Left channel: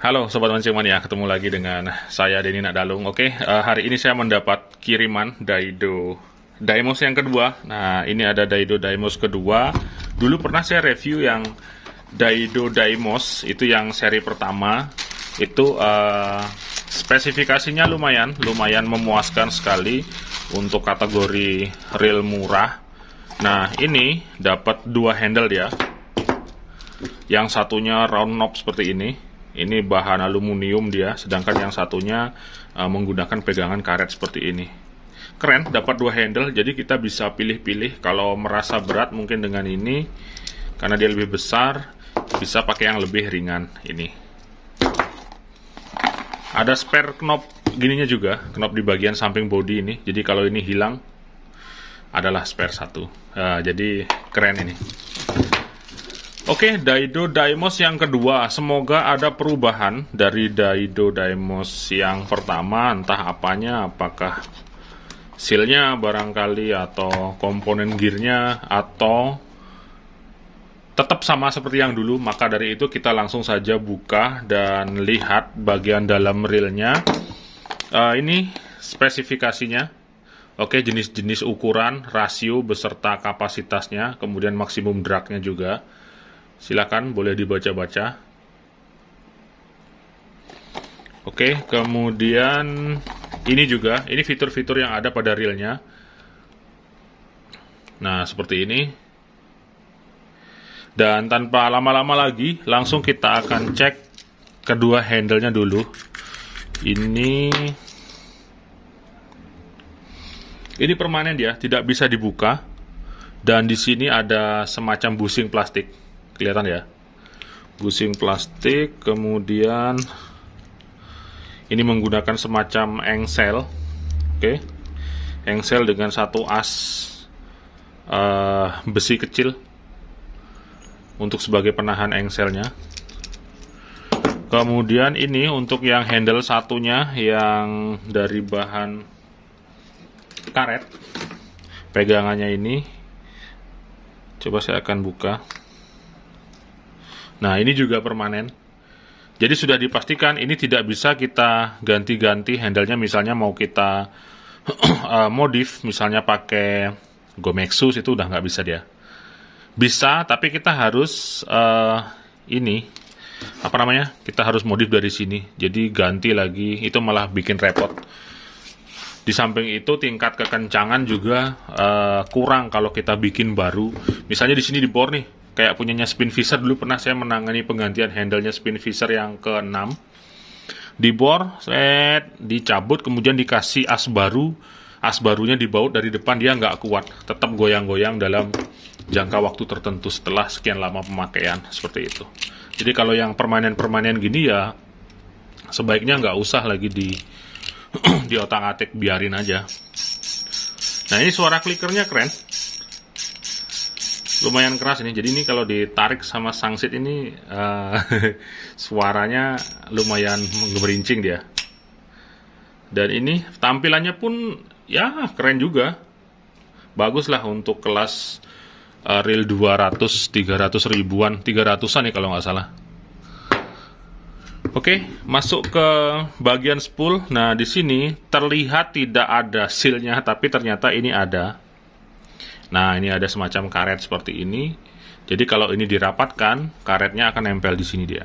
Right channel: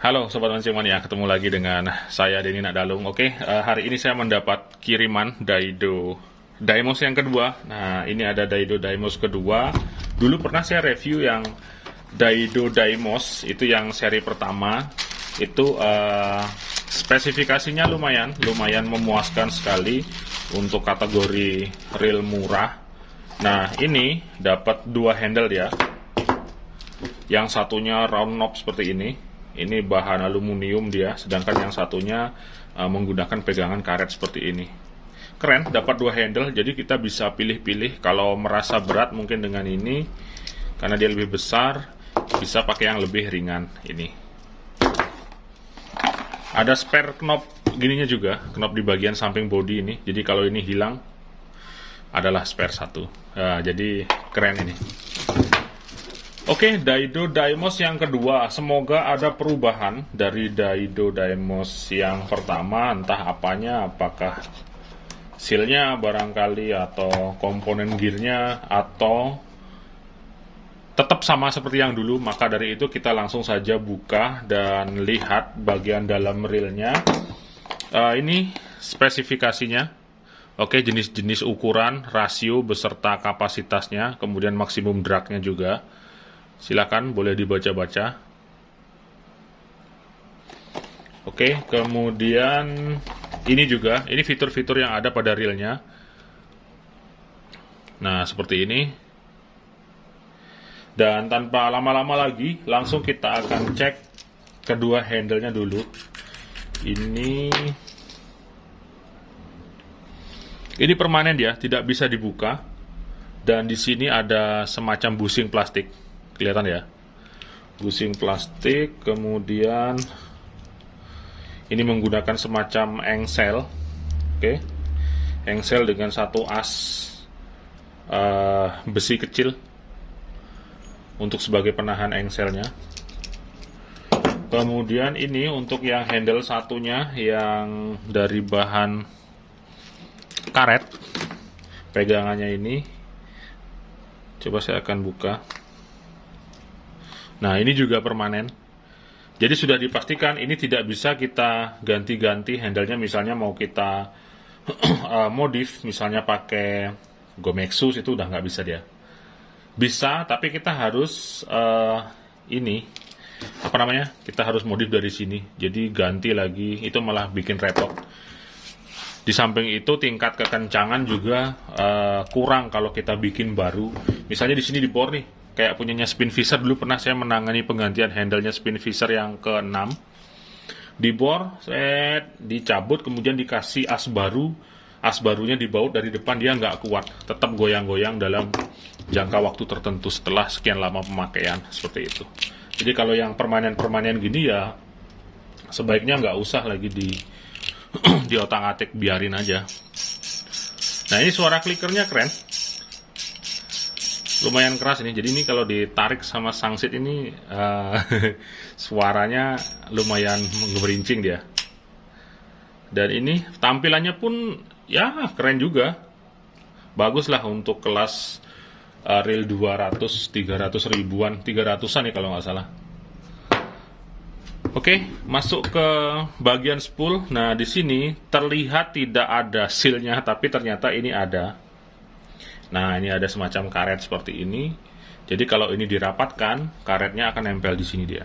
Halo Sobat Mancing Mania, ketemu lagi dengan saya Denny Nakdalung. Oke, hari ini saya mendapat kiriman Daido Daimos yang kedua. Nah, ini ada Daido Daimos kedua. Dulu pernah saya review yang Daido Daimos, itu yang seri pertama. Itu spesifikasinya lumayan memuaskan sekali untuk kategori reel murah. Nah, ini dapat dua handle ya. Yang satunya round knob seperti ini. Ini bahan aluminium dia, sedangkan yang satunya menggunakan pegangan karet seperti ini. Keren, dapat dua handle, jadi kita bisa pilih-pilih. Kalau merasa berat mungkin dengan ini, karena dia lebih besar, bisa pakai yang lebih ringan ini. Ada spare knob gininya juga, knob di bagian samping body ini. Jadi kalau ini hilang, adalah spare satu. Nah, jadi keren ini. Oke, Daido Daimos yang kedua. Semoga ada perubahan dari Daido Daimos yang pertama. Entah apanya, apakah sealnya barangkali, atau komponen gearnya, atau tetap sama seperti yang dulu. Maka dari itu kita langsung saja buka dan lihat bagian dalam reelnya. Ini spesifikasinya. Oke, jenis-jenis ukuran, rasio beserta kapasitasnya, kemudian maksimum dragnya juga. Silakan boleh dibaca-baca. Oke, kemudian ini juga, ini fitur-fitur yang ada pada reelnya. Nah, seperti ini. Dan tanpa lama-lama lagi, langsung kita akan cek kedua handle-nya dulu. Ini permanen ya, tidak bisa dibuka. Dan di sini ada semacam bushing plastik. Kelihatan ya, bushing plastik. Kemudian ini menggunakan semacam engsel. Oke, engsel dengan satu as besi kecil untuk sebagai penahan engselnya. Kemudian ini untuk yang handle satunya yang dari bahan karet, pegangannya ini. Coba saya akan buka. Nah, ini juga permanen. Jadi sudah dipastikan ini tidak bisa kita ganti-ganti handle-nya. Misalnya mau kita modif, misalnya pakai Gomexus, itu udah nggak bisa dia. Bisa, tapi kita harus kita harus modif dari sini. Jadi ganti lagi, itu malah bikin repot. Di samping itu tingkat kekencangan juga kurang kalau kita bikin baru. Misalnya di sini di bor nih, kayak punyanya Spinfisher. Dulu pernah saya menangani penggantian handle-nya Spinfisher yang ke-6. Di bor, dicabut, kemudian dikasih as baru. As barunya dibaut dari depan, dia nggak kuat. Tetap goyang-goyang dalam jangka waktu tertentu setelah sekian lama pemakaian. Seperti itu. Jadi kalau yang permanen-permanen gini ya, sebaiknya nggak usah lagi di otak-atik, biarin aja. Nah, ini suara klikernya keren. Lumayan keras ini. Jadi ini kalau ditarik sama sangsit ini suaranya lumayan mengerincing dia. Dan ini tampilannya pun ya keren juga. Bagus lah untuk kelas reel 200, 300 ribuan, 300-an ya kalau nggak salah. Oke, masuk ke bagian spool. Nah, di sini terlihat tidak ada sealnya, tapi ternyata ini ada. Nah, ini ada semacam karet seperti ini. Jadi kalau ini dirapatkan, karetnya akan nempel di sini dia.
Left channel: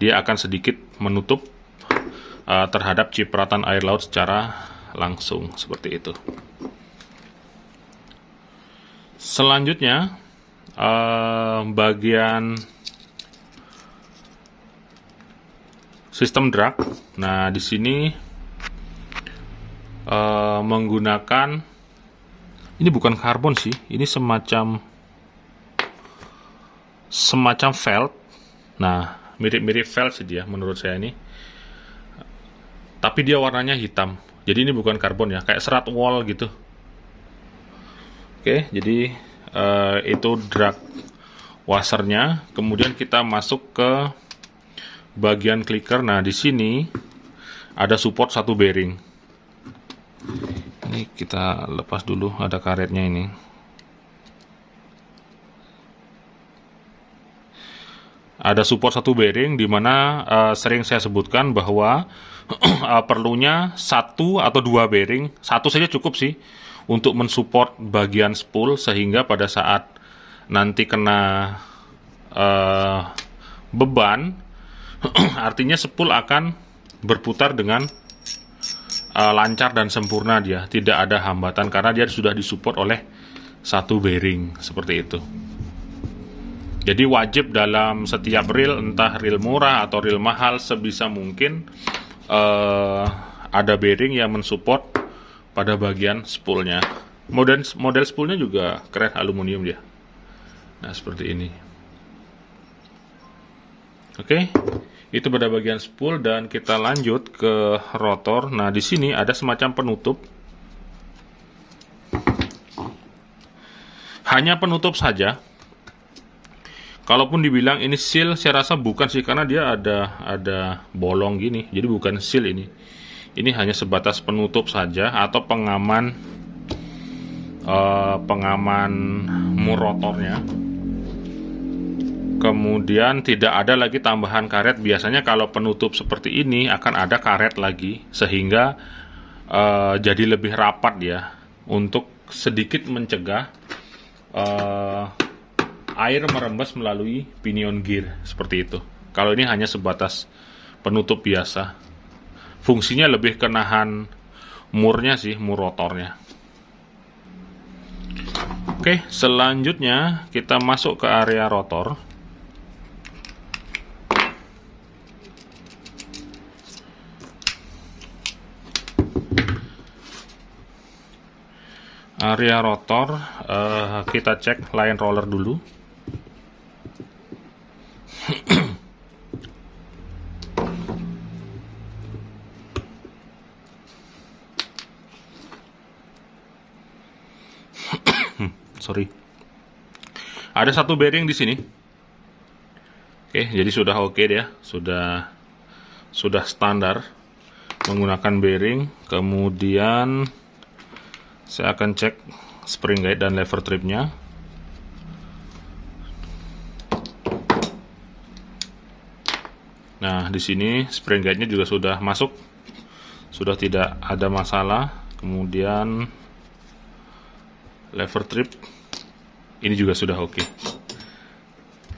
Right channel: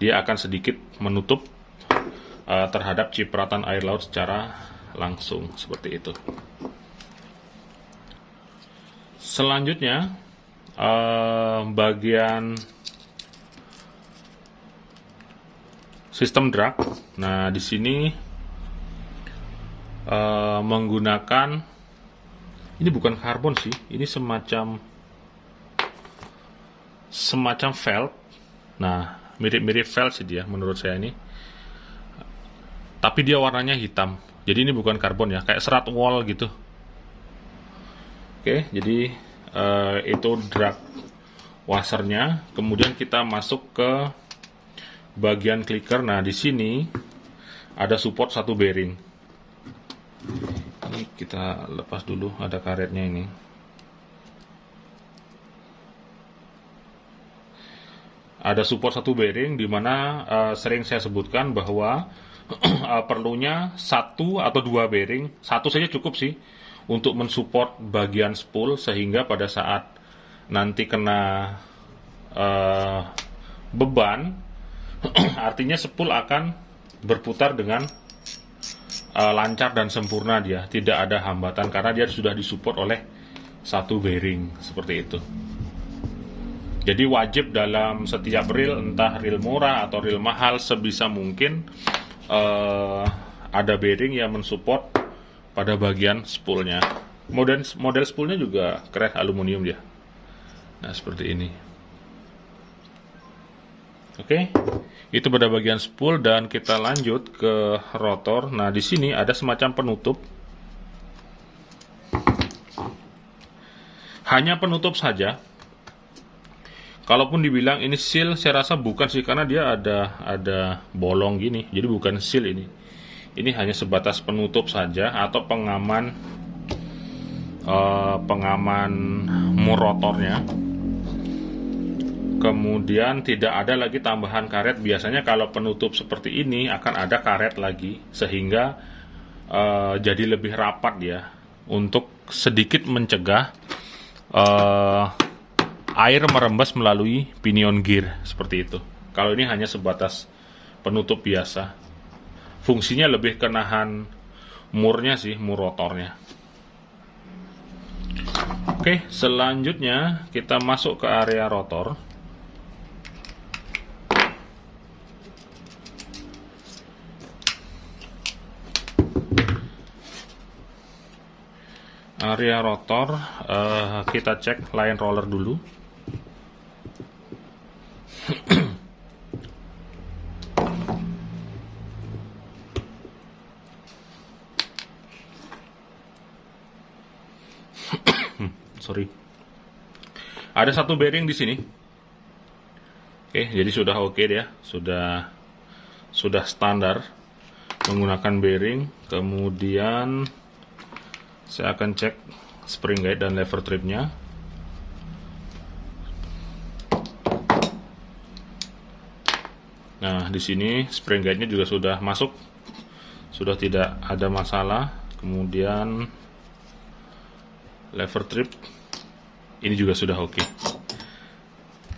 Dia akan sedikit menutup terhadap cipratan air laut secara langsung seperti itu. Selanjutnya, bagian sistem drag. Nah, di sini menggunakan, ini bukan karbon sih, ini semacam felt. Nah, mirip-mirip felt sih dia menurut saya ini. Tapi dia warnanya hitam. Jadi ini bukan karbon ya, kayak serat wol gitu. Oke, jadi itu drag washernya. Kemudian kita masuk ke bagian clicker. Nah, di sini ada support satu bearing. Ini kita lepas dulu, ada karetnya ini. ada support satu bearing, di mana sering saya sebutkan bahwa perlunya satu atau dua bearing, satu saja cukup sih untuk mensupport bagian spool, sehingga pada saat nanti kena beban artinya spool akan berputar dengan lancar dan sempurna, dia tidak ada hambatan karena dia sudah disupport oleh satu bearing seperti itu. Jadi wajib dalam setiap reel, entah reel murah atau reel mahal, sebisa mungkin ada bearing yang mensupport pada bagian spoolnya. Model spoolnya juga keren, aluminium dia. Nah, seperti ini. Oke, itu pada bagian spool, dan kita lanjut ke rotor. Nah, di sini ada semacam penutup. Hanya penutup saja. Kalaupun dibilang ini seal, saya rasa bukan sih, karena dia ada bolong gini. Jadi bukan seal ini. Ini hanya sebatas penutup saja atau pengaman mur rotornya. Kemudian tidak ada lagi tambahan karet. Biasanya kalau penutup seperti ini akan ada karet lagi, sehingga jadi lebih rapat ya, untuk sedikit mencegah air merembes melalui pinion gear seperti itu. Kalau ini hanya sebatas penutup biasa, fungsinya lebih ke nahan murnya sih, mur rotornya. Oke, selanjutnya kita masuk ke area rotor. Area rotor, kita cek line roller dulu. Sorry. Ada satu bearing di sini. Oke, jadi sudah oke dia, sudah standar menggunakan bearing. Kemudian saya akan cek spring guide dan lever tripnya. Nah, di sini spring guide-nya juga sudah masuk, sudah tidak ada masalah. Kemudian lever trip ini juga sudah oke.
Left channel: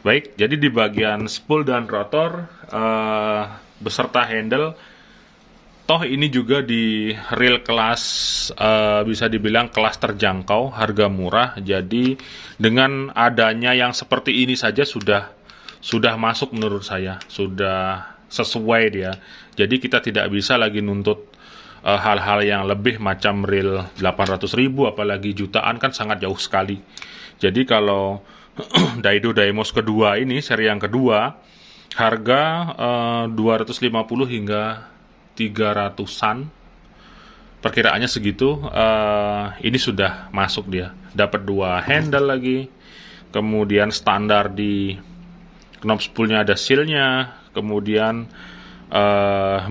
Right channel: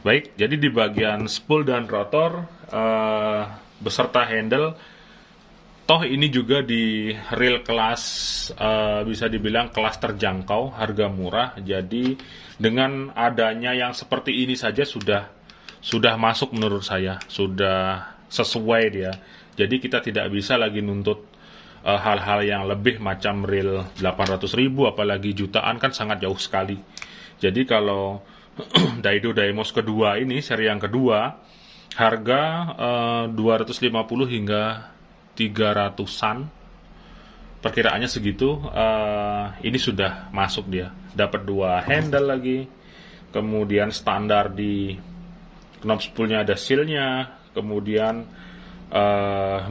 Baik, jadi di bagian spool dan rotor beserta handle, toh ini juga di reel kelas bisa dibilang kelas terjangkau, harga murah. Jadi dengan adanya yang seperti ini saja sudah masuk menurut saya, sudah sesuai dia. Jadi kita tidak bisa lagi nuntut hal-hal yang lebih macam reel 800.000 apalagi jutaan, kan sangat jauh sekali. Jadi kalau Daido Daimos kedua ini, seri yang kedua, harga 250 hingga 300-an, perkiraannya segitu. Ini sudah masuk dia, dapat dua handle lagi, kemudian standar di knob spoolnya ada sealnya, kemudian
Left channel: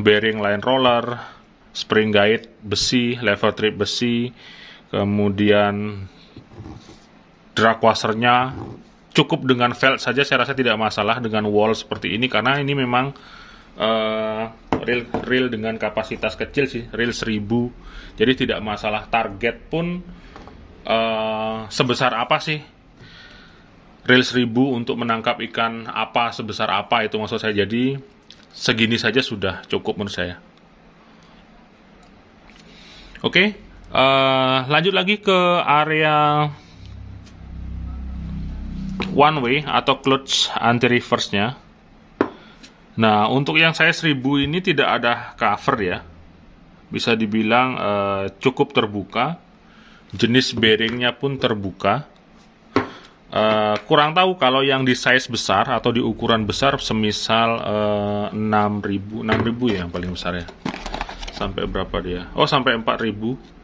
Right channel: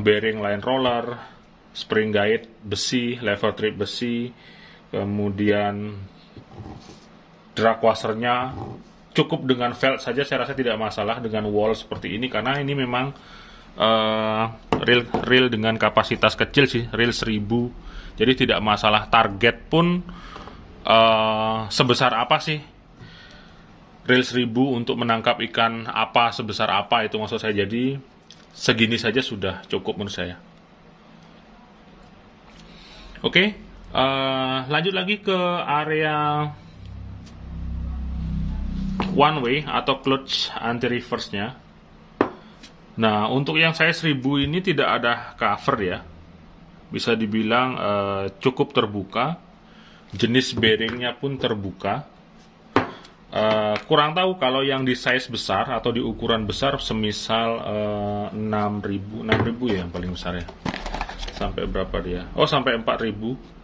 bearing line roller, spring guide besi, lever trip besi, kemudian drag washernya cukup dengan felt saja, saya rasa tidak masalah dengan wall seperti ini, karena ini memang reel dengan kapasitas kecil sih, reel 1000, jadi tidak masalah. Target pun sebesar apa sih reel 1000 untuk menangkap ikan apa, sebesar apa itu maksud saya. Jadi segini saja sudah cukup menurut saya. Oke, lanjut lagi ke area one way atau clutch anti reverse-nya. Nah, untuk yang saya 1000 ini tidak ada cover ya, bisa dibilang cukup terbuka. Jenis bearingnya pun terbuka. Kurang tahu kalau yang di size besar atau di ukuran besar, semisal 6000 ya yang paling besar ya. Sampai berapa dia? Oh, sampai 4000.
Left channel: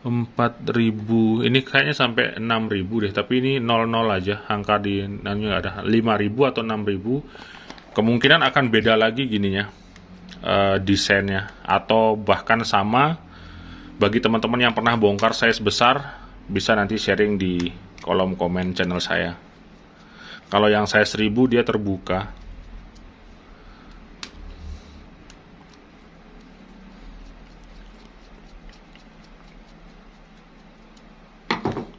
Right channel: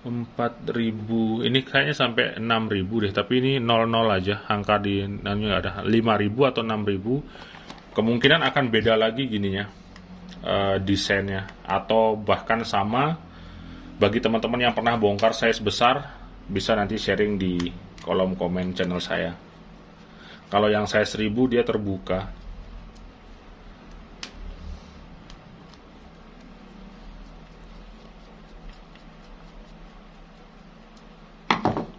4000 ini kayaknya sampai 6000 deh, tapi ini 00 aja, angka di namanya nggak ada. 5000 atau 6000, kemungkinan akan beda lagi gininya, desainnya, atau bahkan sama. Bagi teman-teman yang pernah bongkar size besar, bisa nanti sharing di kolom komen channel saya. Kalau yang size 1000 dia terbuka.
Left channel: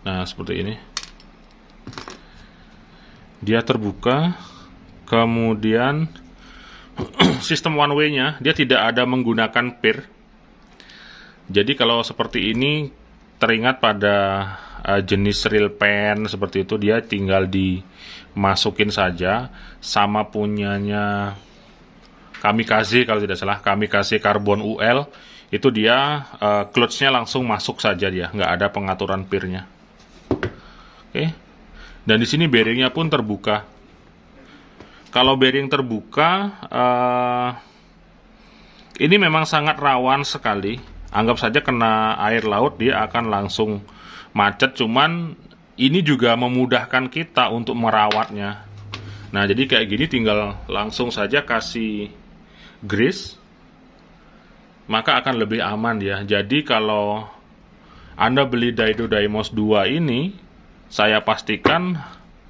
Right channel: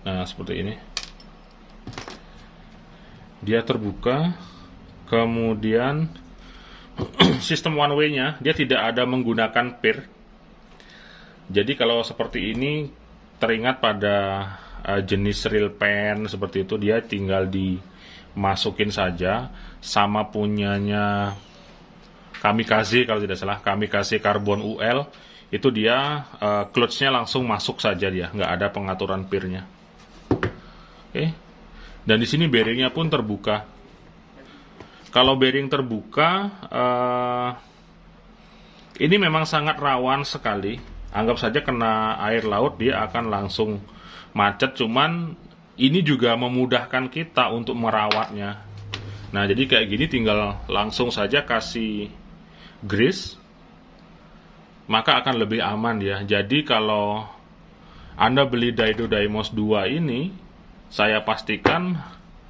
Nah, seperti ini. Dia terbuka. Kemudian sistem one way-nya dia tidak ada menggunakan pir. Jadi kalau seperti ini teringat pada jenis reel pen seperti itu, dia tinggal dimasukin saja. Sama punyanya Kamikaze kalau tidak salah, Kamikaze Carbon UL itu dia clutch-nya langsung masuk saja, dia nggak ada pengaturan pirnya. Oke. Dan di sini bearingnya pun terbuka. Kalau bearing terbuka, ini memang sangat rawan sekali. Anggap saja kena air laut, dia akan langsung macet. Cuman ini juga memudahkan kita untuk merawatnya. Nah, jadi kayak gini tinggal langsung saja kasih grease, maka akan lebih aman ya. Jadi kalau Anda beli Daido Daimos 2 ini, saya pastikan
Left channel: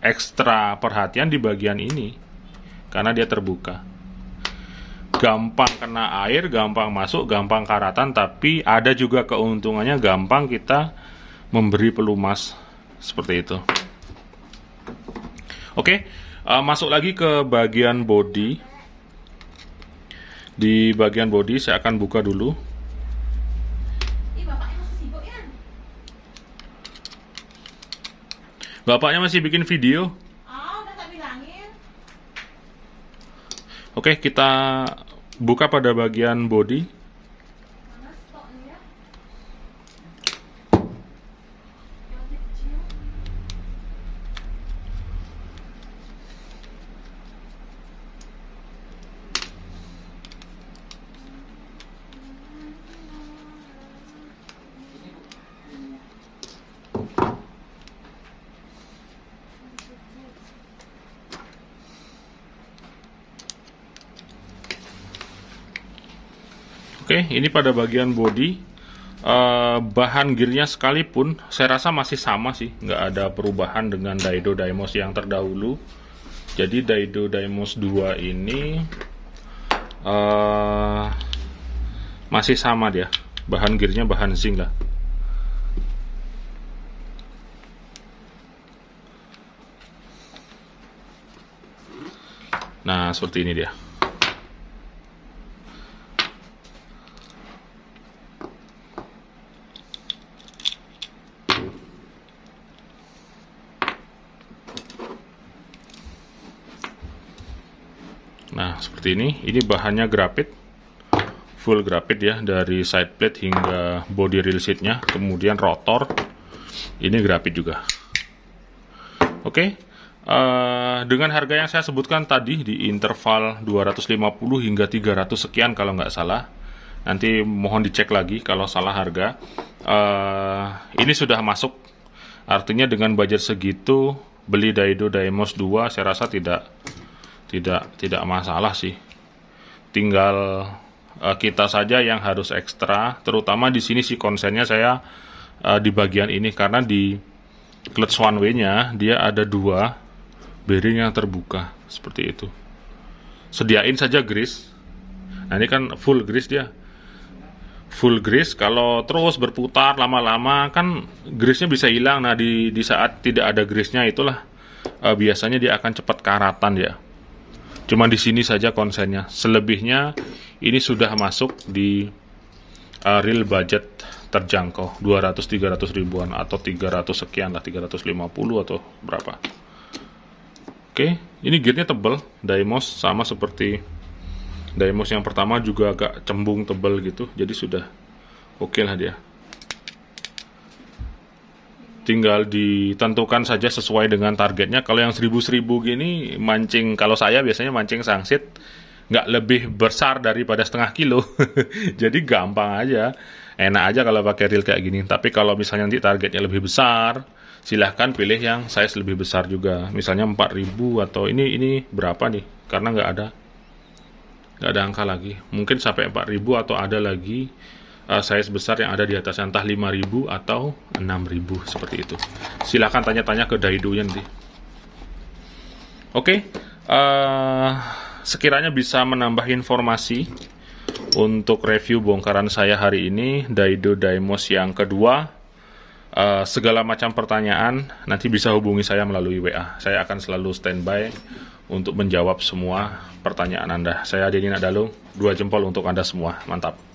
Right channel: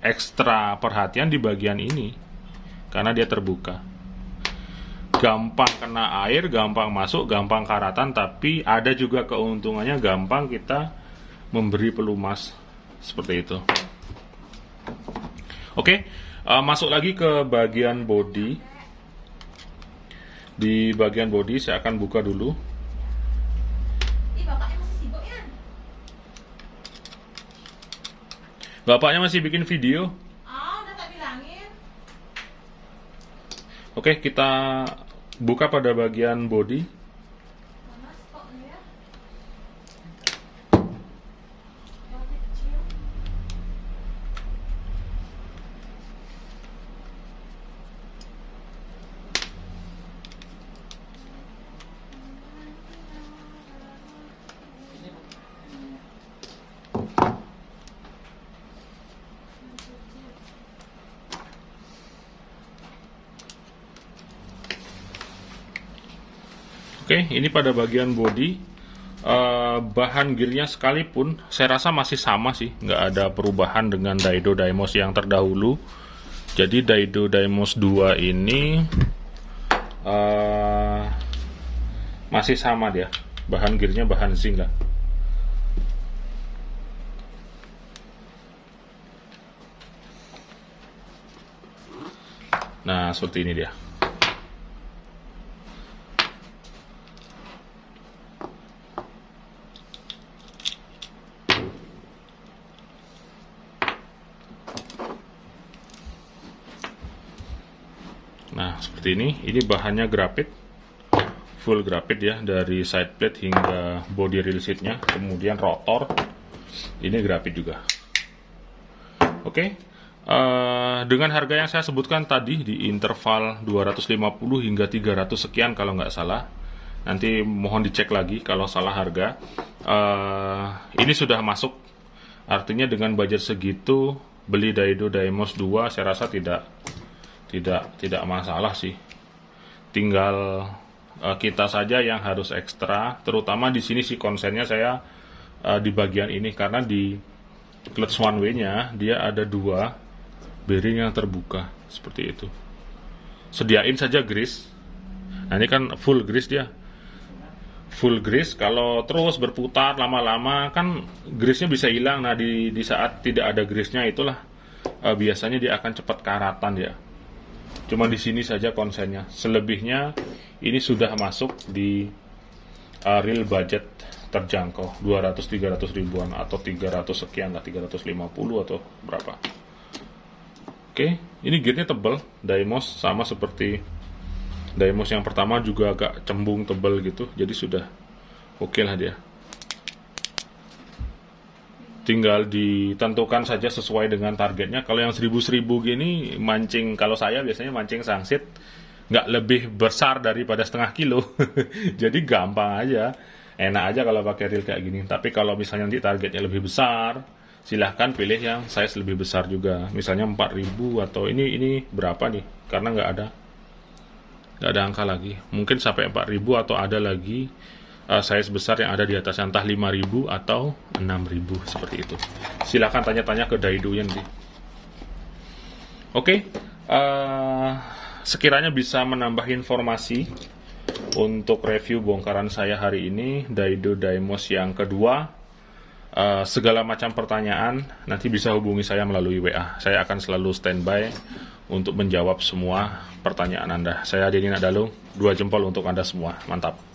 ekstra perhatian di bagian ini, karena dia terbuka. Gampang kena air, gampang masuk, gampang karatan, tapi ada juga keuntungannya, gampang kita memberi pelumas seperti itu. Oke, masuk lagi ke bagian body. Di bagian body saya akan buka dulu. Bapaknya masih bikin video. Udah tak bilangin. Oke, kita buka pada bagian body. Oke, ini pada bagian body, bahan gearnya sekalipun saya rasa masih sama sih, nggak ada perubahan dengan Daido Daimos yang terdahulu. Jadi Daido Daimos 2 ini masih sama dia, bahan gearnya bahan zinc lah. Nah, seperti ini dia. Nah, seperti ini bahannya grafit, full grafit ya, dari side plate hingga body rail seatnya, kemudian rotor, ini grafit juga. Oke, dengan harga yang saya sebutkan tadi di interval 250 hingga 300 sekian kalau nggak salah, nanti mohon dicek lagi kalau salah harga. Ini sudah masuk, artinya dengan budget segitu beli Daido Daimos 2 saya rasa tidak masalah sih. Tinggal kita saja yang harus ekstra, terutama di sini sih konsennya saya di bagian ini, karena di clutch one way-nya dia ada 2 bearing yang terbuka seperti itu. Sediain saja grease. Nah, ini kan full grease dia. Full grease, kalau terus berputar lama-lama kan grease-nya bisa hilang. Nah, di saat tidak ada grease-nya itulah biasanya dia akan cepat karatan ya. Cuma di sini saja konsennya. Selebihnya ini sudah masuk di real budget terjangkau, 200-300 ribuan atau 300 sekian lah, 350 atau berapa. Oke, ini gearnya tebal, Daimos sama seperti Daimos yang pertama, juga agak cembung tebal gitu. Jadi sudah oke lah dia. Tinggal ditentukan saja sesuai dengan targetnya. Kalau yang 1000 gini mancing, kalau saya biasanya mancing sangsit nggak lebih besar daripada setengah kilo. Jadi gampang aja, enak aja kalau pakai reel kayak gini. Tapi kalau misalnya nanti targetnya lebih besar, silahkan pilih yang size lebih besar juga. Misalnya 4000 atau ini berapa nih? Karena nggak ada angka lagi. Mungkin sampai 4000 atau ada lagi size besar yang ada di atas, entah 5000 atau 6000 seperti itu. Silahkan tanya-tanya ke Daido-nya nanti. Oke, sekiranya bisa menambah informasi untuk review bongkaran saya hari ini, Daido Daimos yang kedua. Segala macam pertanyaan nanti bisa hubungi saya melalui WA. Saya akan selalu standby untuk menjawab semua pertanyaan Anda. Saya Denny Nadalu, 2 jempol untuk Anda semua. Mantap.